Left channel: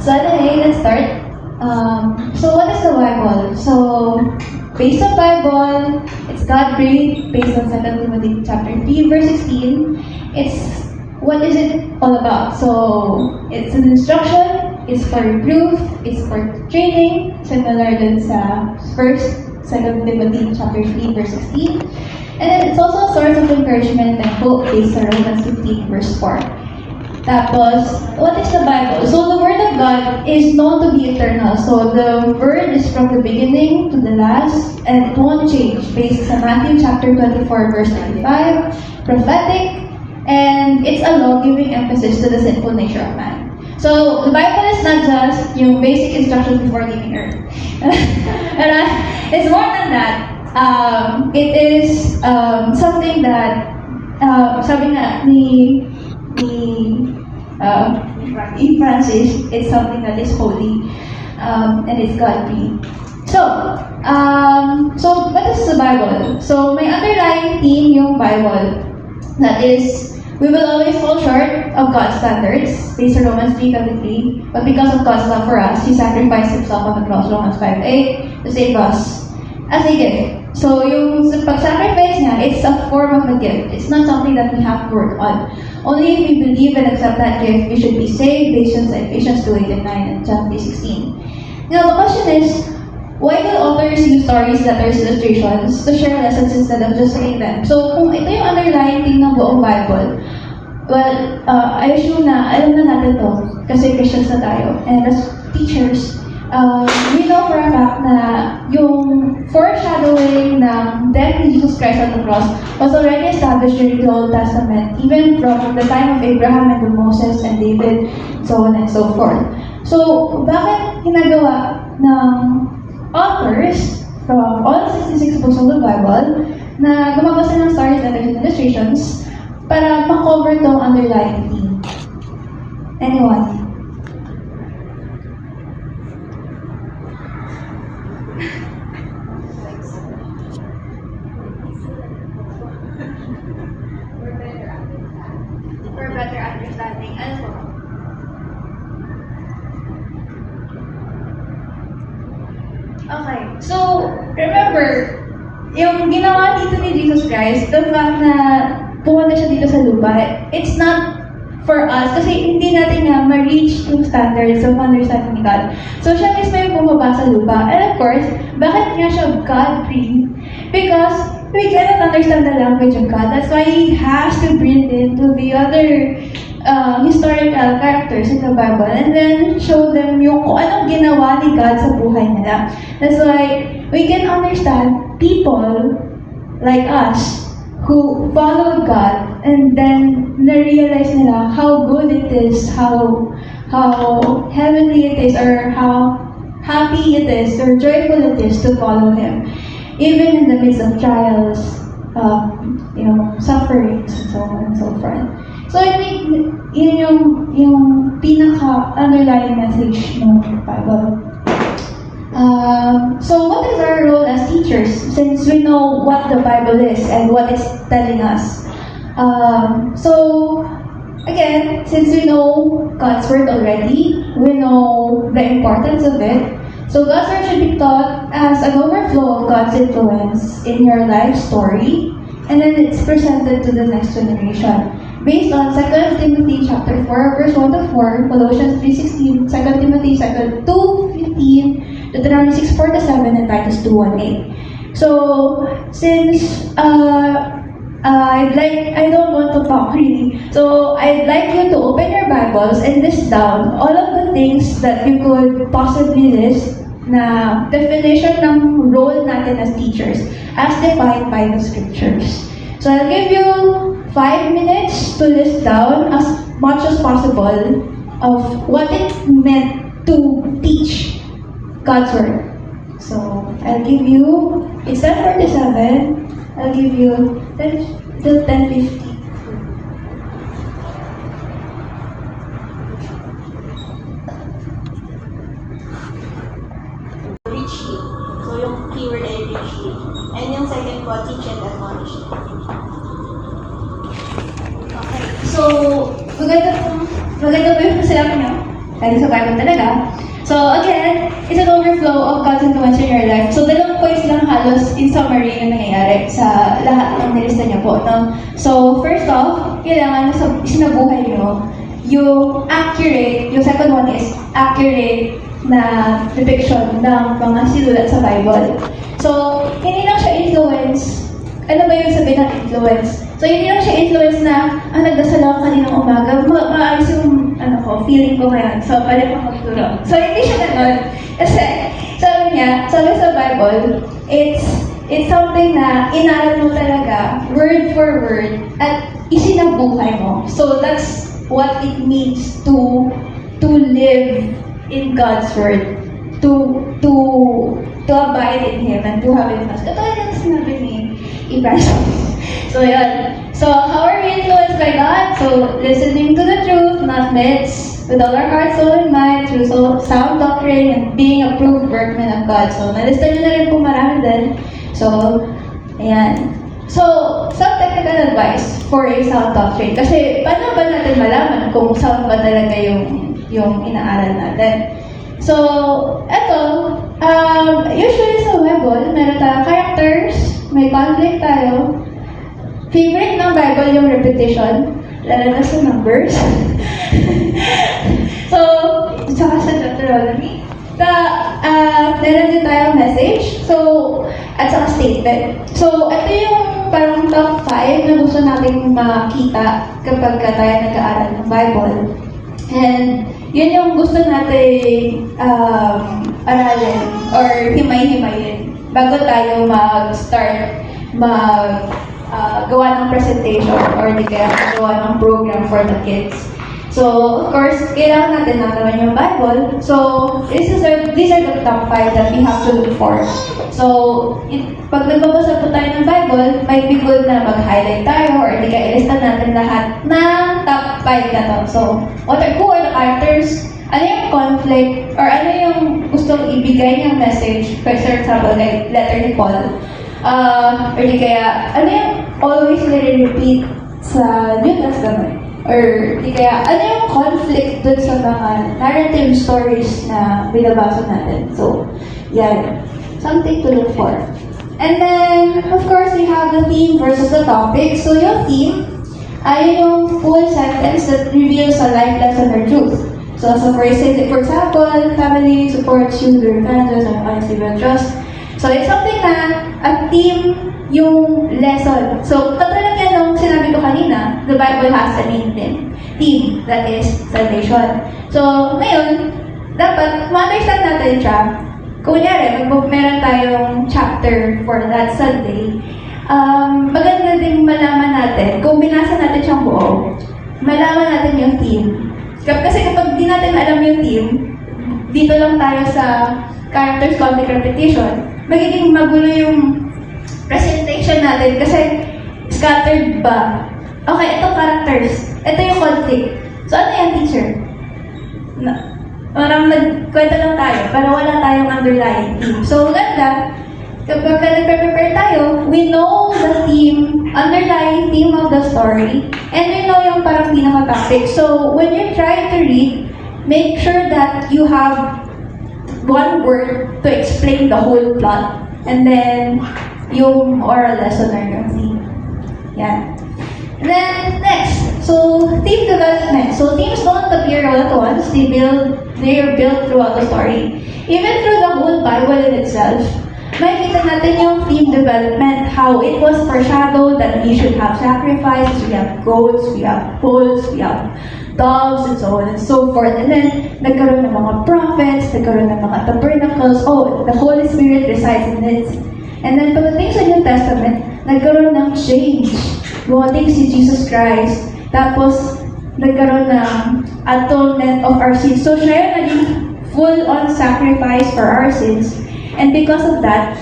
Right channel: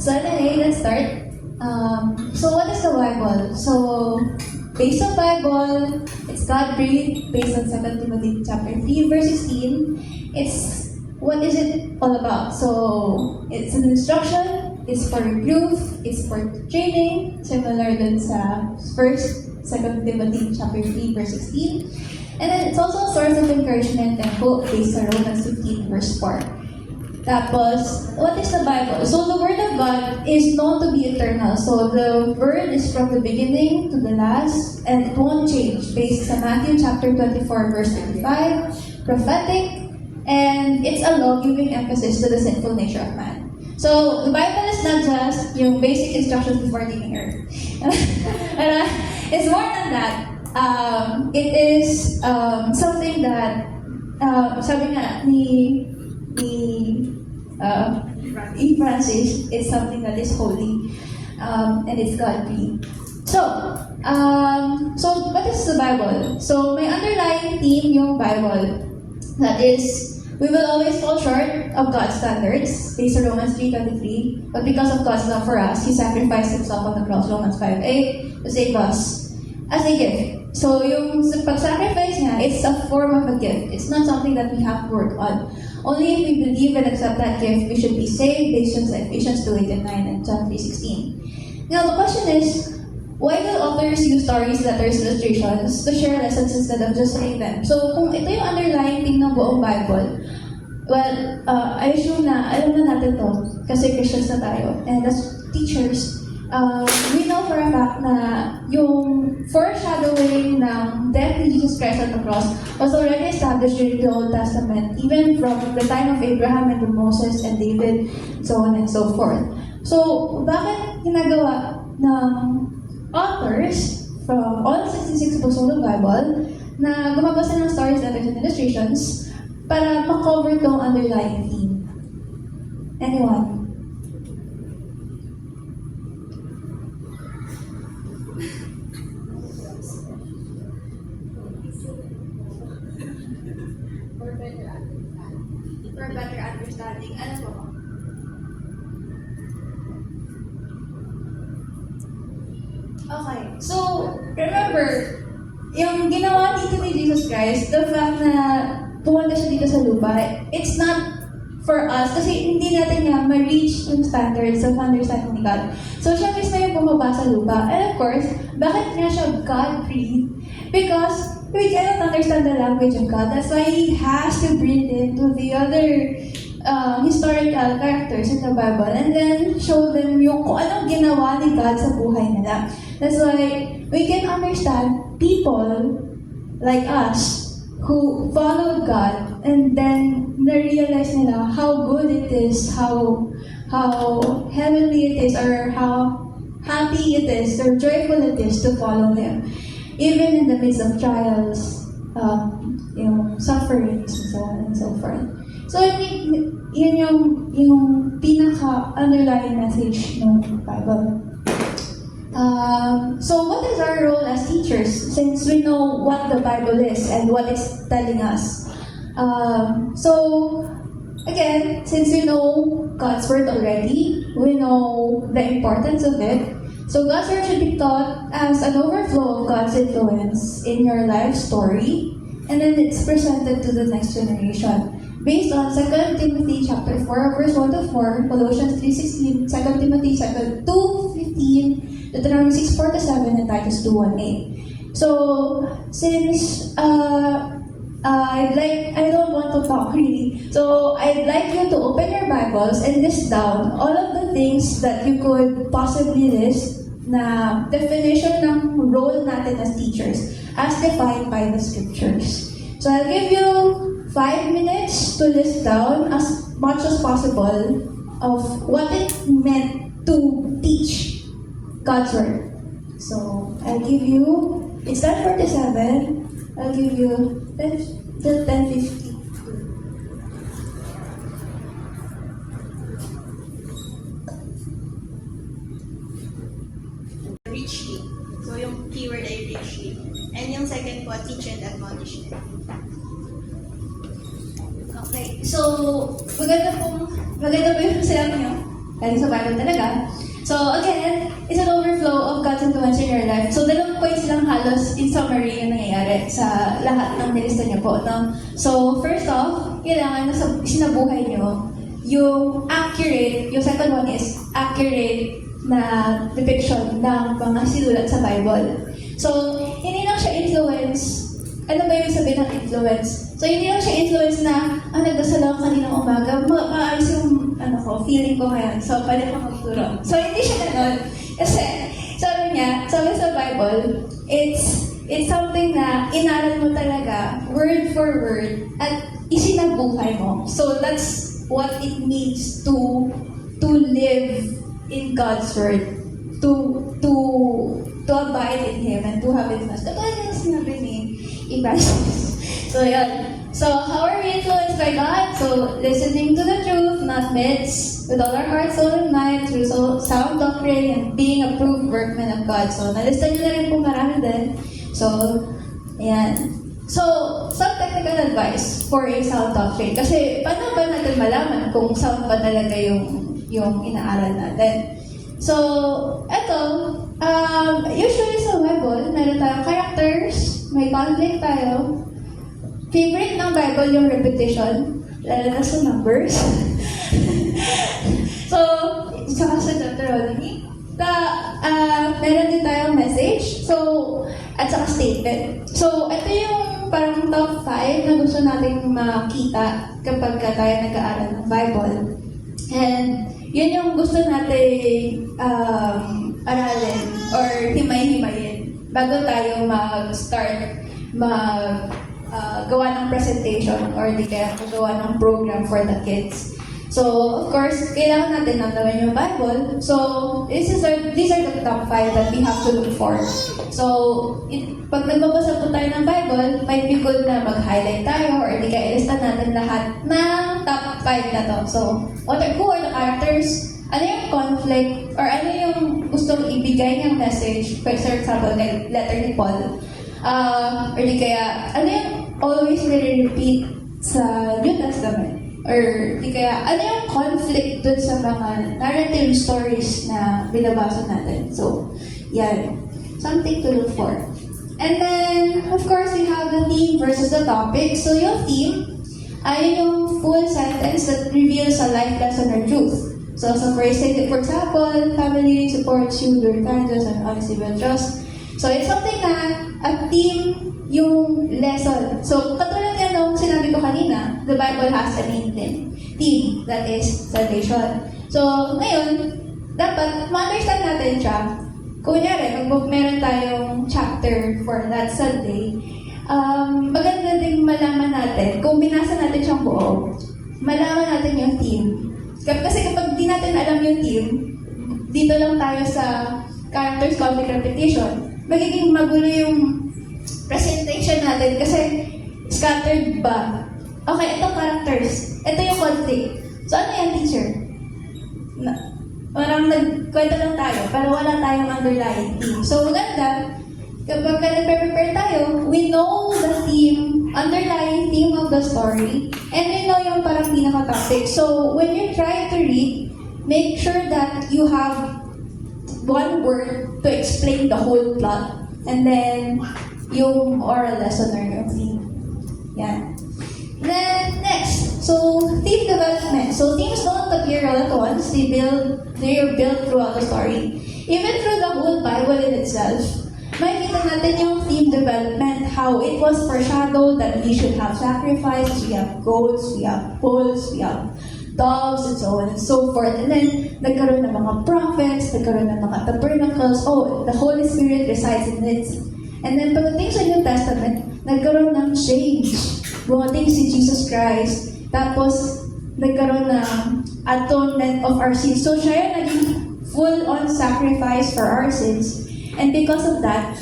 So anyway, let's start. So what is the Bible? So based on Bible, it's God-breathed, based on 2 Timothy chapter 3, verse 16. It's what is it all about? So it's an instruction, it's for reproof, it's for training, similar dun sa 2 Timothy chapter 3, verse 16. And then it's also a source of encouragement and hope based on Romans 15, verse 4. Tapos, what is the Bible? So the Word of God is known to be eternal. So the Word is from the beginning to the last, and it won't change. Based on Matthew chapter 24, verse 95, prophetic, and it's a law-giving emphasis to the sinful nature of man. So the Bible is not just yung basic instructions before leaving Earth. And it's more than that. It is something that sabi nga ni Francis, it's something that is holy, and it's God-breathed. So what is the Bible? So may underlying theme yung Bible, that is, we will always fall short of God's standards, based on Romans 3:23. But because of God's love for us, He sacrificed Himself on the cross, Romans 5:8, to save us as a gift. So yung pag-sacrifice niya, it's a form of a gift. It's not something that we have to work on. Only if we believe and accept that gift, we should be saved, based on Ephesians 2:8 and 9 and John 3:16. Now the question is, why do authors use stories, letters, illustrations to share lessons instead of just saying them? So kung ito yung underlying theme ng buong Bible, well, I assume na alam na natin to kasi Christians na tayo. And as teachers, we know for a fact na yung foreshadowing ng death ni Jesus Christ on the cross was already established during the Old Testament, even from the time of Abraham and Moses and David, so on and so forth. So, bakit ginagawa ng authors from all 66 books of the Bible na gumagawa sila ng stories, letters, and illustrations para makover tong underlying theme? Anyone? For better understanding. Ano po? Okay. So, remember, yung ginawa dito ni Jesus Christ, the fact na pumunta siya dito sa lupa, it's not for us kasi hindi natin nga ma-reach yung standards of understanding ni God. So, siya mismo yung bumaba sa lupa. And of course, bakit nga siya God-breathed? Because we cannot understand the language of God. That's why He has to breathe into the other historical characters in the Bible and then show them yung kung anong ginawa ni God sa buhay nila. That's why we can understand people like us who followed God and then na-realize nila how good it is, how heavenly it is, or how happy it is, or joyful it is to follow Him. Even in the midst of trials, sufferings, and so on and so forth. So I think yun yung pinaka-underlying message ng Bible. So what is our role as teachers, since we know what the Bible is and what it's telling us? So again, since we know God's Word already, we know the importance of it. So God's Word should be taught as an overflow of God's influence in your life story, and then it's presented to the next generation. Based on 2 Timothy chapter 4, verse 1 to 4, Colossians 3:16, 2 Timothy 2:15, Deuteronomy 6:4 to 7, and Titus 2:1-8. So, since I don't want to talk really, so I'd like you to open your Bibles and list down all of the things that you could possibly list na definition ng role natin as teachers as defined by the scriptures. So I'll give you 5 minutes to list down as much as possible of what it meant to teach God's Word. So I'll give you, it's 10:47, I'll give you 10 till 10:50. Richly. So yung keyword ay richly. And yung second po, teach and admonish. Okay. So, maganda po yung sinabi niyo. galing sa Bible talaga. So again, it's an overflow of God's influence in your life. So 2 points lang halos in summary yung nangyayari sa lahat ng nilista niya po. No? So first off, kailangan sa sinabuhay nyo yung accurate, yung second one is accurate na depiction ng mga sinulat sa Bible. So, hindi lang siya influence. Ano ba yung sabihin ng influence? So, hindi lang siya influence na, nagdasal ako kaninang umaga, maayos yung, feeling ko ngayon. So, pwede kang magturo. So, hindi siya ganun. Kasi, sabi sa Bible, it's something na inaral mo talaga, word for word, at isinabuhay mo. So, that's what it means to live in God's word, to abide in Him and to have it fast. Ito yung sinabi ni Evangelist. So, yun. So, how are we influenced by God? So, listening to the truth, not myths, with all our heart, soul, and mind, through sound doctrine, and being approved workmen of God. So, nalista nyo na rin po marami din. So, ayan. So, some technical advice for a sound doctrine. Kasi, paano ba natin malaman kung sound ba talaga yung inaaral natin? So, eto, usually sa Bible, meron tayong characters, may conflict tayo. Favorite ng Bible yung repetition, lalo na sa numbers. So, saka sa Deuteronomy. Meron din tayong message, so, at saka statement. So, ito yung parang top 5 na gusto nating makita kapag tayo nag-aaral ng Bible. And yun yung gusto natin aralin or himay-himayin bago tayo mag-start gawa ng presentation or di kaya gawa ng program for the kids. So, of course, kailangan natin malaman yung Bible. So, these are the top 5 that we have to look for. So, pag nagbabasa po tayo ng Bible, might be good na mag-highlight tayo or di kaya ilista natin lahat ng top 5 na to. So, who are the characters? Ano yung conflict? Or ano yung gustong ibigay niyang message? For example, like letter ni Paul. Or di kaya, ano yung always nire-repeat sa New Testament? Or di kaya, ano yung conflict dun sa mga narrative stories na binabasa natin? So, yan. Something to look for. And then, of course, we have the theme versus the topic. So, yung theme, ay yung full sentence that reveals a life lesson or truth. So for example, family supports you, your values, and honesty will trust. So, it's something na a theme yung lesson. So, katulad yan nung sinabi ko kanina, the Bible has a main theme, that is salvation. So, ngayon, dapat ma-understand natin siya. Kunyari, meron tayong chapter for that Sunday, maganda ding malaman natin, kung binasa natin siyang buo, malaman natin yung theme. Kasi kapag di natin alam yung theme, dito lang tayo sa characters, conflict, repetition, magiging magulo yung presentation natin kasi scattered ba? Okay, ito characters. Ito yung conflict. So, ano yan, teacher? Parang nagkwento lang tayo, pero wala tayong underlying theme. So, maganda, kapag nag-prepare tayo, we know the theme, underlying theme of the story, and we know yung parang pinaka-topic. So, when you try to read, make sure that you have one word to explain the whole plot, and then yung moral lesson or yung theme. Yan. And then, next, so theme development. So themes don't appear all at once. They are built throughout the story. Even through the whole Bible in itself, makikita natin yung theme development, how it was foreshadowed that we should have sacrifices, we have goats, we have bulls, we have dogs, and so on and so forth. And then, nagkaroon ng mga prophets, nagkaroon ng mga tabernacles, the Holy Spirit resides in it. And then, pagdating sa New Testament, nagkaroon ng change. Bumating si Jesus Christ. Tapos, nagkaroon ng atonement of our sins. So, siya yung naging full-on sacrifice for our sins. And because of that,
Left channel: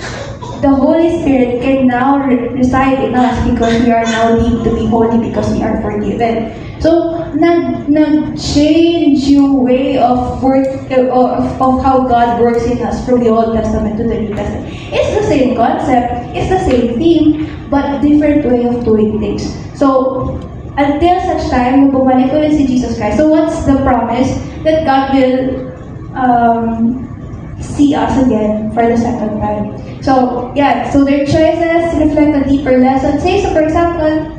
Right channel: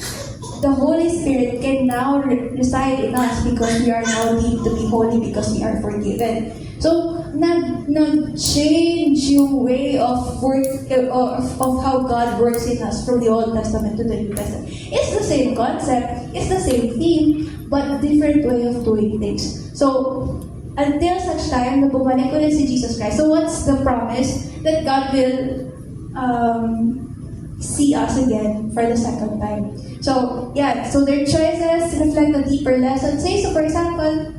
the Holy Spirit can now reside in us because we are now deemed to be holy because we are forgiven. So, nag-change yung way of how God works in us from the Old Testament to the New Testament. It's the same concept, it's the same theme, but different way of doing things. So, until such time, bumalik ulit si Jesus Christ. So what's the promise? That God will see us again for the second time. So, yeah, so their choices reflect a deeper lesson. Say, so for example,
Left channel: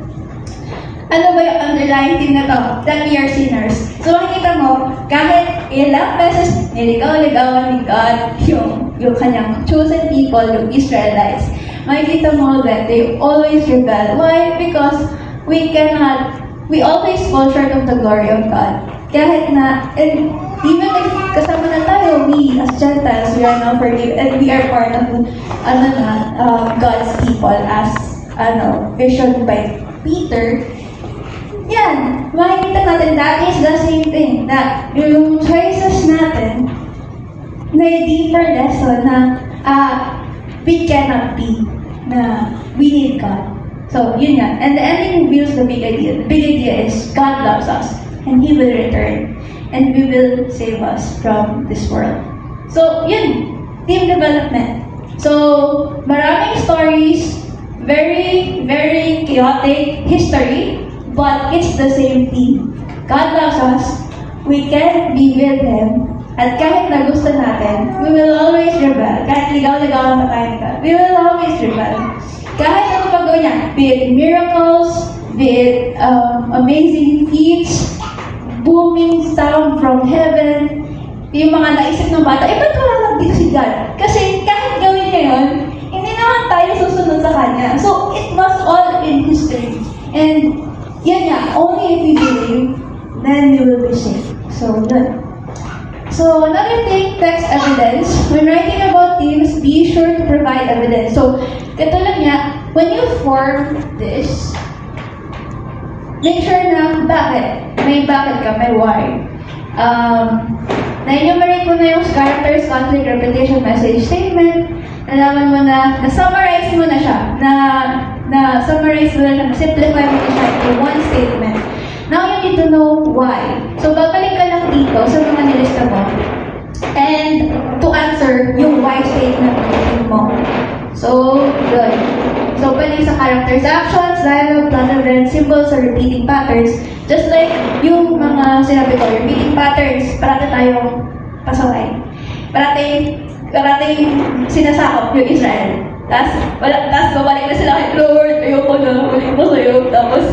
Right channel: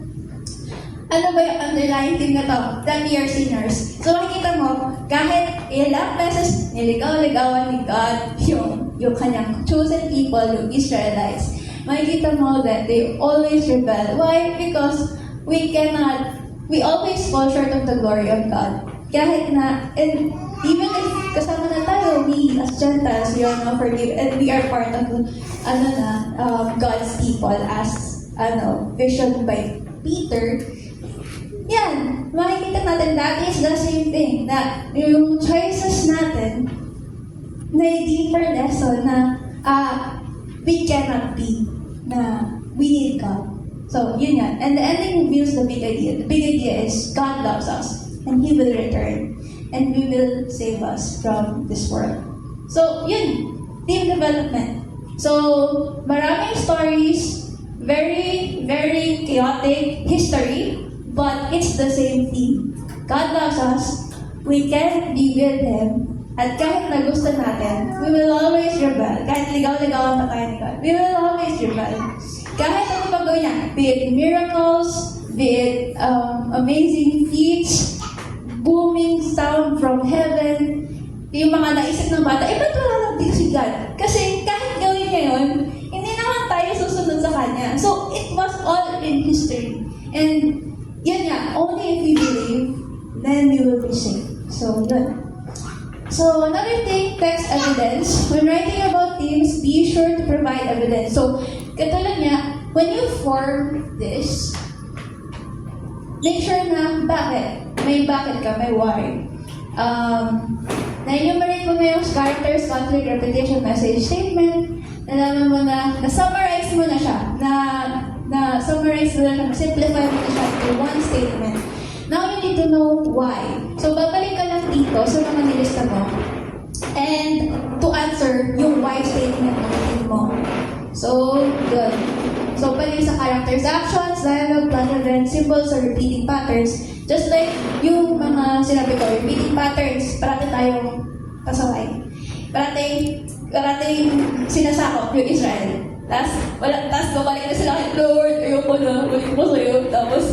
ano ba yung underlying theme na to? That we are sinners. So makikita mo, kahit ilang beses niligaw-ligawan ni God yung kanyang chosen people, yung Israelites, makikita mo that they always rebel. Why? Because we always fall short of the glory of God. Kahit na, and even if kasama na tayo, we as Gentiles, we are now forgiven, and we are part of God's people as vision by Peter. Yan, makikita natin that is the same thing, that yung choices natin na deeper lesson na we cannot be, na we need God. So, yun yan. And the ending reveals the big idea. The big idea is God loves us and He will return and we will save us from this world. So, yun. Team development. So, maraming stories, very, very chaotic history, but it's the same theme. God loves us, we can be with Him, at kahit na gusto natin, we will always rebel. Kahit ligaw-ligawan pa tayo, we will always rebel. Kahit ano pa gawin niya, be it miracles, be it amazing feats, booming sound from heaven, yung mga naisip ng bata, ba't wala lang dito si God? Kasi kahit gawin niya yun, hindi naman tayo susunod sa Kanya. So, it was all in history. And, yan nga, only if we believe, then you will be saved. So, yun. So, another thing, text evidence. When writing about themes, be sure to provide evidence. So, katulad niya, when you form this, make sure na bakit. May bakit ka, may why. Na-enumerate mo na yung characters, conflict, repetition, message, statement. Nalaman mo na, na-summarize mo na siya. Na-summarize mo na siya, simplify mo na siya into one statement. Now you need to know why. So, babalik ka lang dito sa mga nilista mo. And to answer yung why statement mo. So, good. So, pwede sa characters, actions, dialogue, plot events, symbols, or repeating patterns. Just like yung mga sinabi ko, repeating patterns, parati tayong pasaway. Parati sinasakop yung Israel. Tapos babalik na sila kay Lord, ayoko na, balik mo sa'yo. Tapos,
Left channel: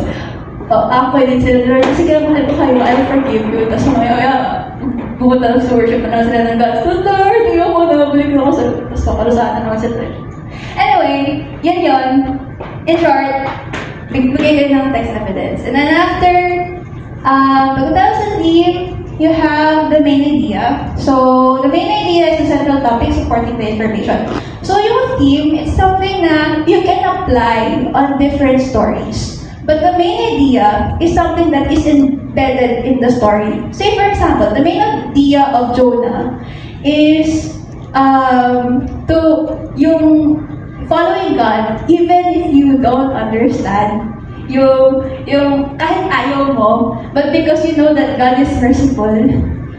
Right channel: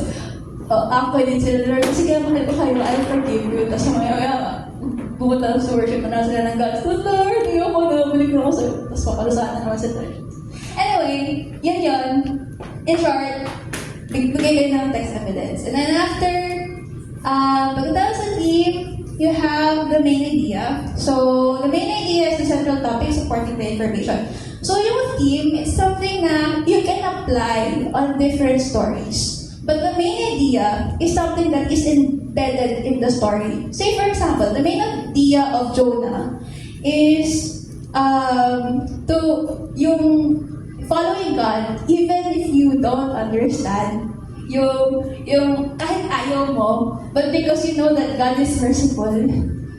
ako din sila, Lord, sige, mahal ko kayo, I'll forgive you. Tapos mamaya, pumunta lang sa worship na sila ng God. So, Lord, ayoko na, balik na ako sa, tapos paparusahan na naman sila. Anyway, yun. In short, bigay ng text evidence. And then after, pagkatapos sa theme, you have the main idea. So, the main idea is the central topic supporting the information. So, yung theme, it's something na you can apply on different stories. But the main idea is something that is embedded in the story. Say, for example, the main idea of Jonah is yung following God, even if you don't understand, yung kahit ayaw mo, but because you know that God is merciful,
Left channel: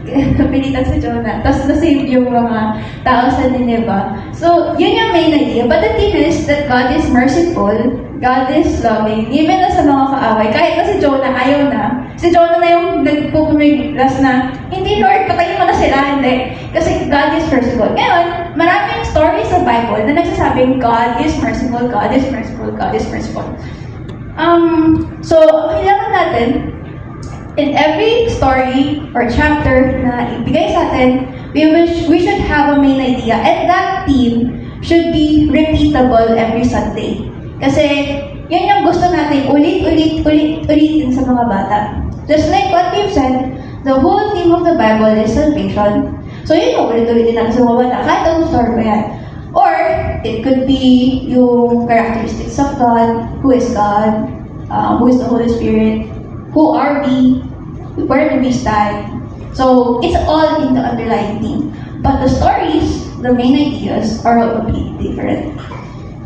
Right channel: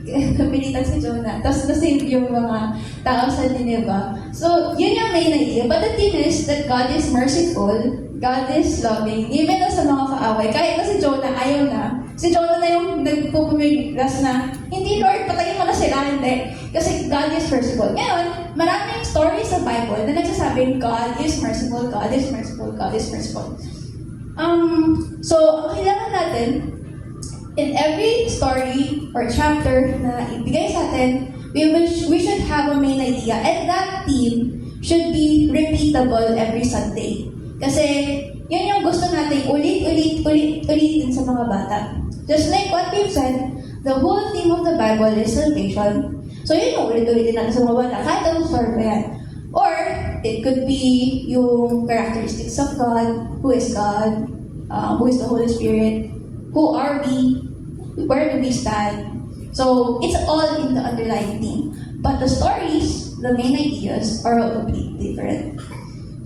napilitan si Jonah, tapos nasave yung mga tao sa Nineveh. So, yun yung main idea. But the thing is that God is merciful, God is loving, even na sa mga kaaway. Kahit na si Jonah, ayaw na. Si Jonah na yung nagpupumiglas na, hindi Lord, patayin mo na sila, hindi. Kasi God is merciful. Ngayon, maraming stories sa Bible na nagsasabing God is merciful, God is merciful, God is merciful. So, kailangan natin, in every story or chapter na ibigay sa atin, we should have a main idea. And that theme should be repeatable every Sunday. Kasi, yun yung gusto natin ulitin sa mga bata. Just like what we've said, the whole theme of the Bible is salvation. So, yun yung ulit-ulitin natin sa mga bata. Kahit anong story ba yan. Or, it could be yung characteristics of God, who is God, who is the Holy Spirit, who are we, where do we stand. So, it's all in the underlying theme. But the stories, the main ideas, are all completely different.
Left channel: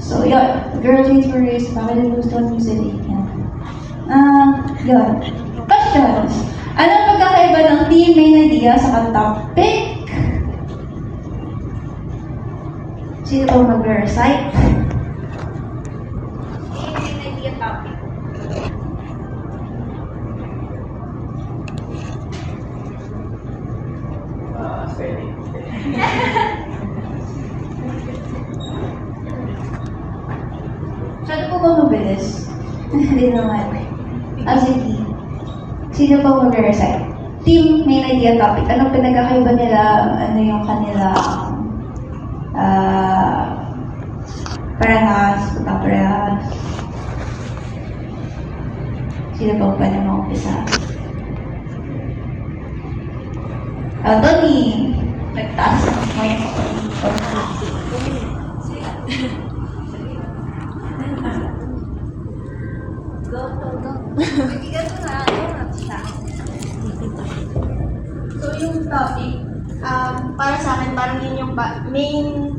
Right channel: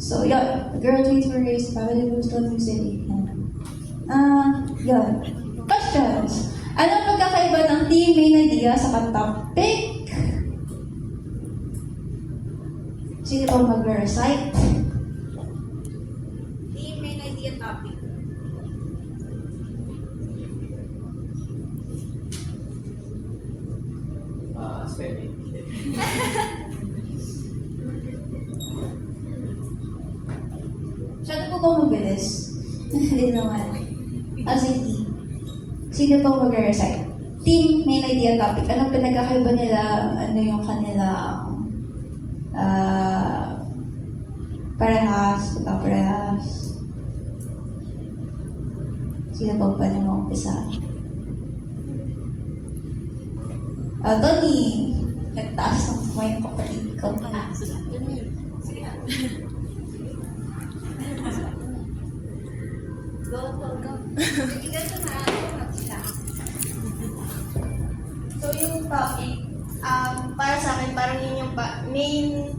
So, yun. Girl Chains Were Raised, Family Wisdom, Music, yun. Questions. Ano ang pagkakaiba ng theme, main idea sa topic? Sino pong mag-recite? Main idea topic. Hindi naman. As a team. Sino pa mag-recite? Team, main idea topic. Anong pinagkakaiba nila? Ano yung kanila parehas, parehas. Sino pa pwede mag-umpisa? Tony, nagtaas ng mga So yung topic, para sa akin, parang yun yung main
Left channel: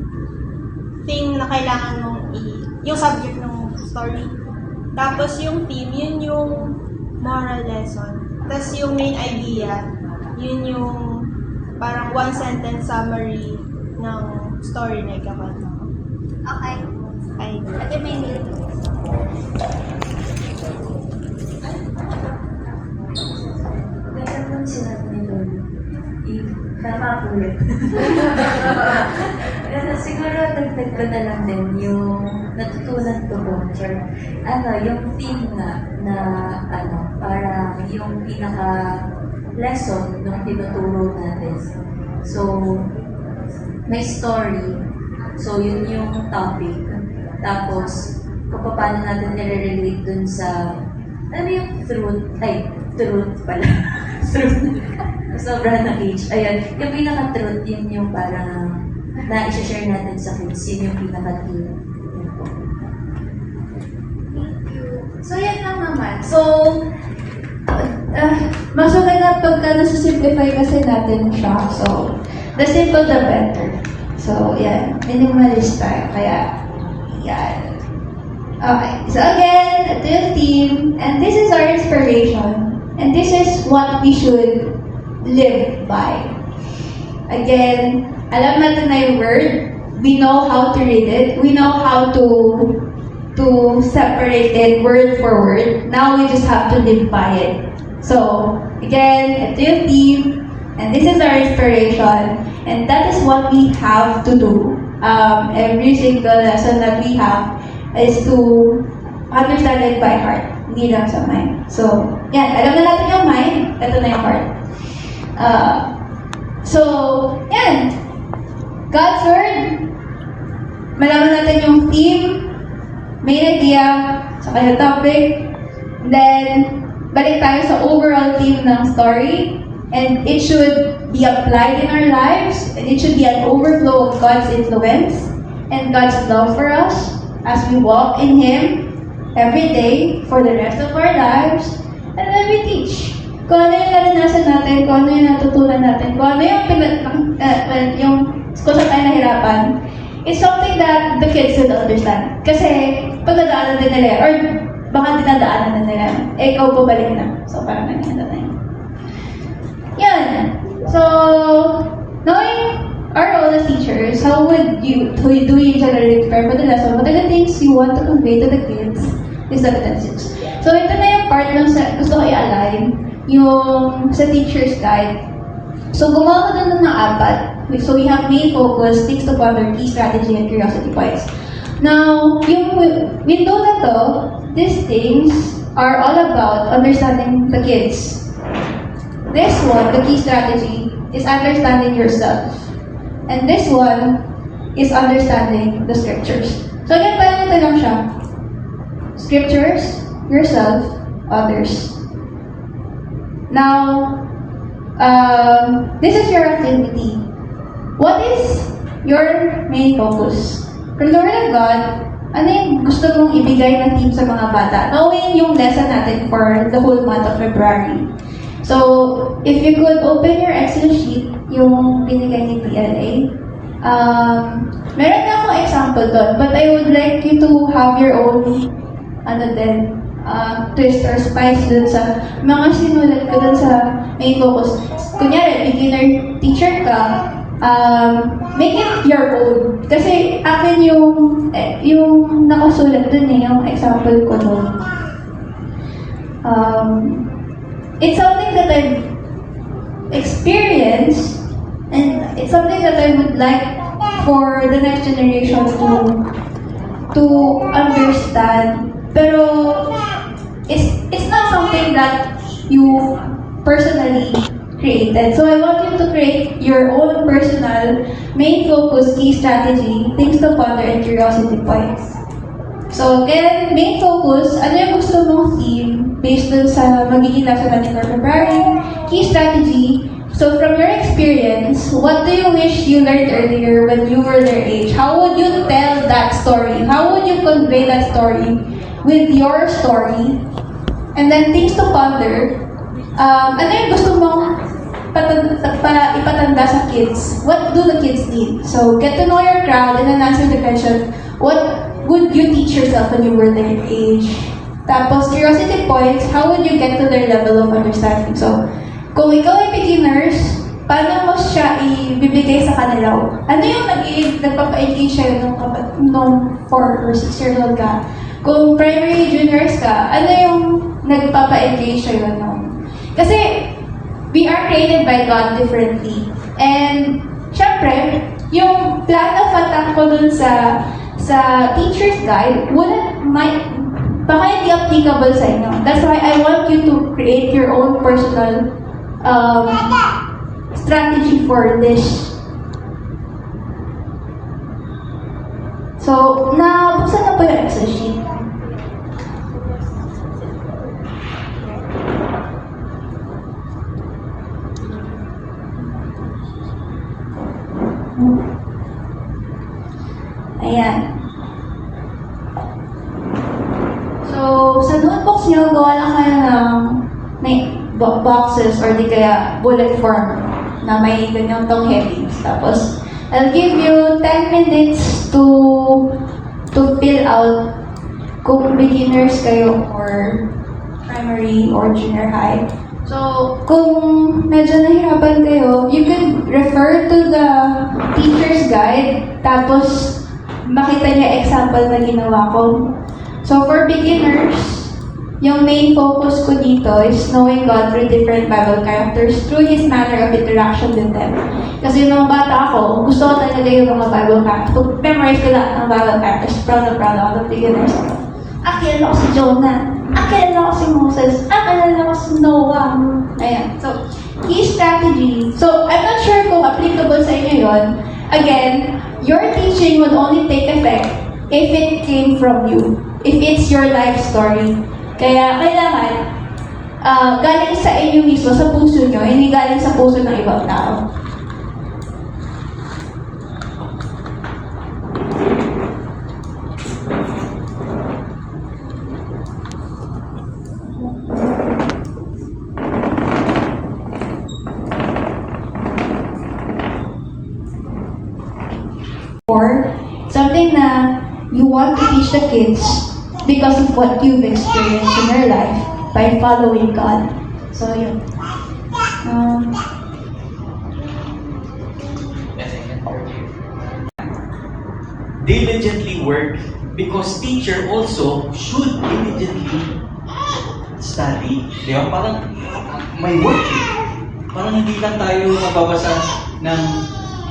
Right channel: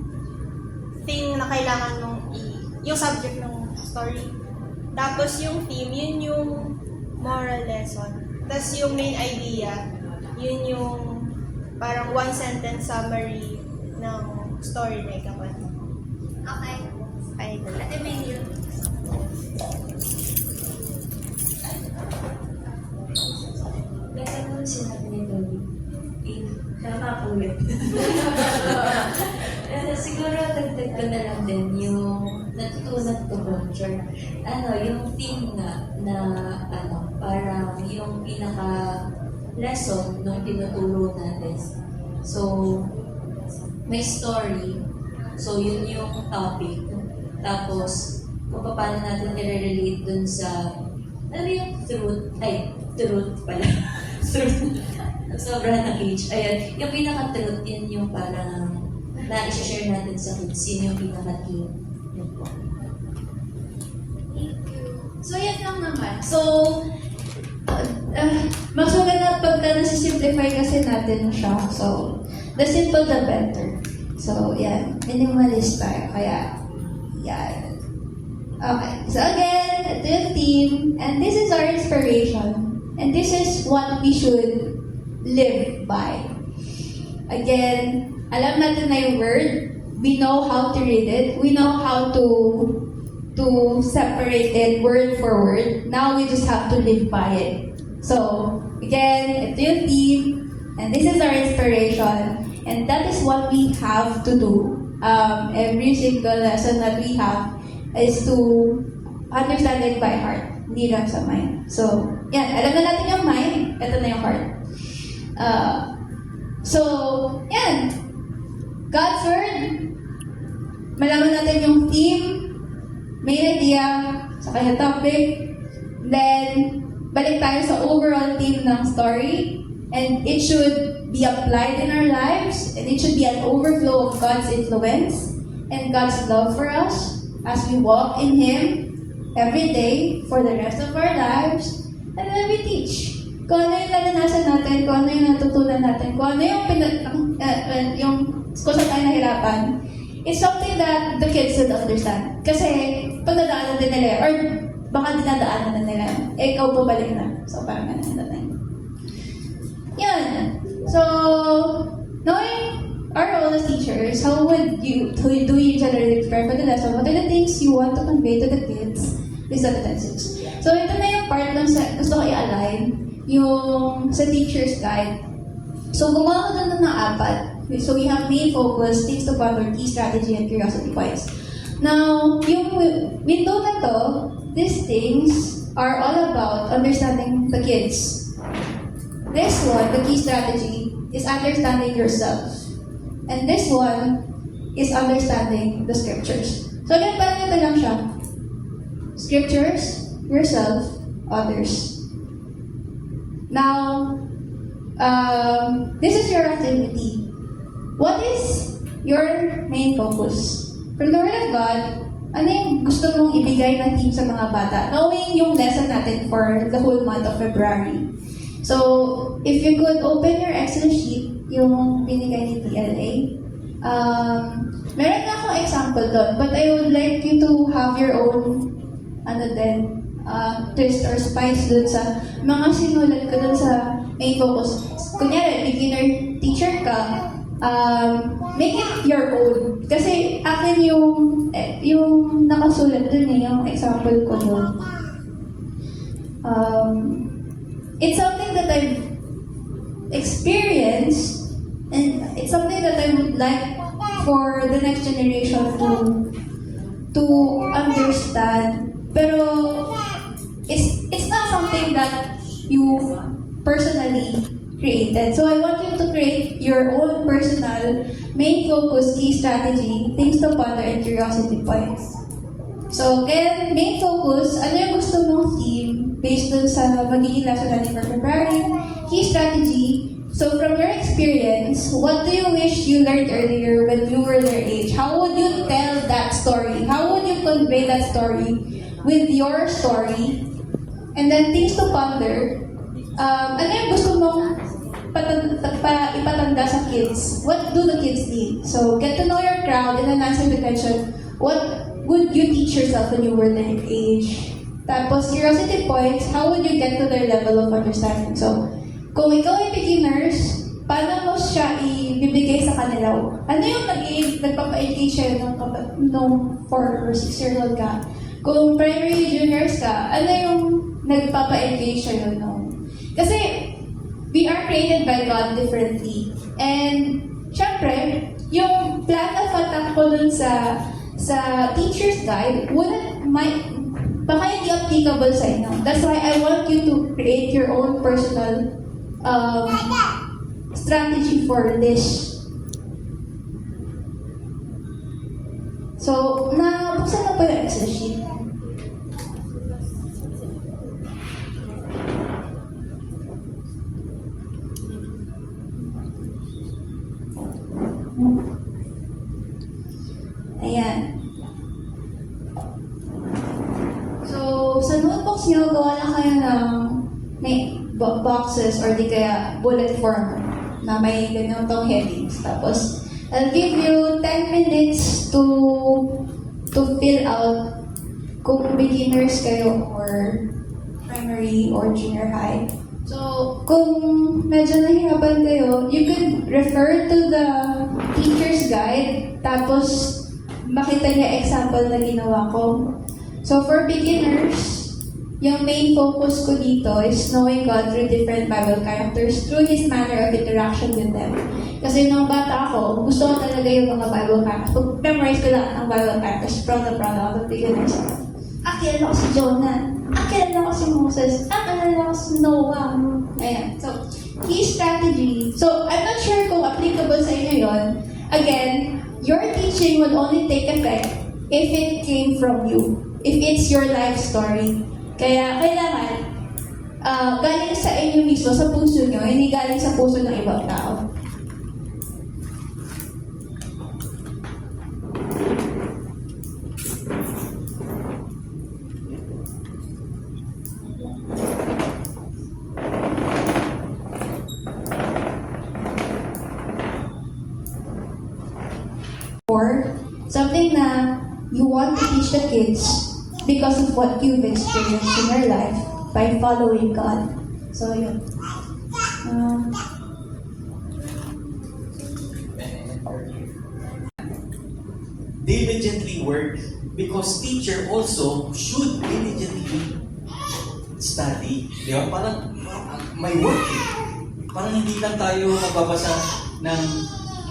thing na kailangan yung subject ng story. Tapos yung theme, yun yung moral lesson. Tapos yung main idea, yun yung parang one sentence summary ng story na ikakwento ko. Okay. Ay, Ate Maynil. Ganda kung sinabi ni Lolo. Napapulit. Siguro dagdag ko na lang din yung natutunan ko po, yung theme na parang yung pinaka-lesson nung tinuturo natin. So, may story. So, yun yung topic. Tapos, kung paano natin nire-relate dun sa, alam mo yung truth pala. Truth. Sobrang na-age. Ayun, yung pinaka-truth, yun yung parang na-share natin sa kids. Yun yung pinaka-team. Yun po. So, yan lang naman. So, mas maganda pagka nasa-simplify kasi natin siya. So, the simple the better. So, yan. Minimalist tayo. Kaya, yan. Okay. So, again, ito yung team. And this is our inspiration. And this is what we should live by. Again, alam natin na yung word. We know how to read it. We know how to separate it word for word. Now we just have to live by it. So, again, ito yung team, and this is our inspiration, and that is what we have to do. Every single lesson that we have is to understand it by heart, hindi lang sa mind. So, yan, alam na natin yung mind, ito na yung heart. So, yan, God's Word, malaman natin yung theme, main idea, saka yung topic, then, balik tayo sa overall theme ng story, and it should be applied in our lives, and it should be an overflow of God's influence and God's love for us as we walk in Him every day for the rest of our lives, and then we teach. Kung ano yung naranasan natin, kung ano yung natutunan natin, kung ano yung kung saan tayo nahirapan, it's something that the kids should understand. Kasi, pagdadaanan din nila, or baka dinadaanan na nila, ikaw pabalik na. So, parang ganyan na tayo. Yan. So, knowing our role as teachers, how do you generally prepare for the lesson? What are the things you want to convey to the kids? Is that six. So, ito na yung part ng gusto ko i-align, yung sa teacher's guide. So, gumawa ko doon ng 4. So, we have main focus, sticks to ponder, key strategy, and curiosity points. Now, yung window na to, these things are all about understanding the kids. This one, the key strategy, is understanding yourself. And this one is understanding the scriptures. So again, parang ito lang siya. Scriptures, yourself, others. Now, this is your activity. What is your main focus? For the Word of God, ano yung gusto mong ibigay na team sa mga bata? Knowing yung lesson natin for the whole month of February. So, if you could open your Excel sheet, yung binigay ni PLA, meron na akong example doon, but I would like you to have your own, twist or spice dun sa mga sinulat ko dun sa main focus. Kunyari, beginner teacher ka, make it your own. Kasi akin yung nakasulat dun yung example ko dun. It's something that I've experienced, and it's something that I would like for the next generation to understand. Pero story that you personally created. So I want you to create your own personal main focus, key strategy, things to ponder, and curiosity points. So again, main focus, ano yung gusto mong theme based dun sa magiging lesson natin for February, key strategy. So from your experience, what do you wish you learned earlier when you were their age? How would you tell that story? How would you convey that story with your story? And then things to ponder. Ano yung gusto mong ipatanda sa kids? What do the kids need? So get to know your crowd and then answer the question, what would you teach yourself when you were their age? Tapos curiosity points, how would you get to their level of understanding? So kung ikaw ay beginners, paano mo siya ibibigay sa kanila? Ano yung nagpapa-engage siya nung 4 or 6-year-old ka? Kung primary juniors ka, ano yung nagpapa-engage siya nung? Kasi we are created by God differently. And syempre, yung plan of attack ko dun sa teacher's guide, baka hindi applicable sa inyo. That's why I want you to create your own personal strategy for this. So, nabuksan na po yung Excel sheet. Ayan. So, sa notebooks nyo, gawa na kayo ng may boxes or di kaya bullet form na may ganyan tong headings. Tapos, I'll give you 10 minutes to fill out kung beginners kayo or primary or junior high. So, kung medyo nahirapan kayo, you could refer to the teacher's guide, tapos makita niya example na ginawa ko. So, for beginners, yung main focus ko dito is knowing God through different Bible characters through His manner of interaction with them. Kasi nung bata ako, gusto ko talaga yung mga Bible characters. Pag memorize ko lahat ng Bible characters, proud ako ng beginners. Kilala ko si Jonah. Kilala ko si Moses. Kilala ko si Noah. Ayan. So, key strategy. So, I'm not sure kung applicable sa inyo yun. Again, your teaching would only take effect if it came from you. If it's your life story. Kaya kailangan galing sa inyo mismo, sa puso nyo, hindi galing sa puso ng ibang tao. Or something na you want to teach the kids because of what you've experienced in your life by following God. So, yun. Diligently work because teacher also should diligently study. Di ba? Parang may work eh. Parang hindi lang tayo mababasa ng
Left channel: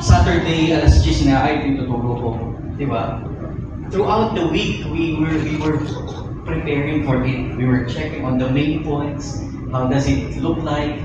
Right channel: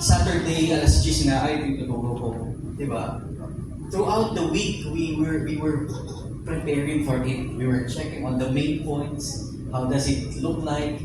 Saturday alas 10 na ay tinuturo ko. Di ba? Throughout the week, we were preparing for it. We were checking on the main points. How does it look like?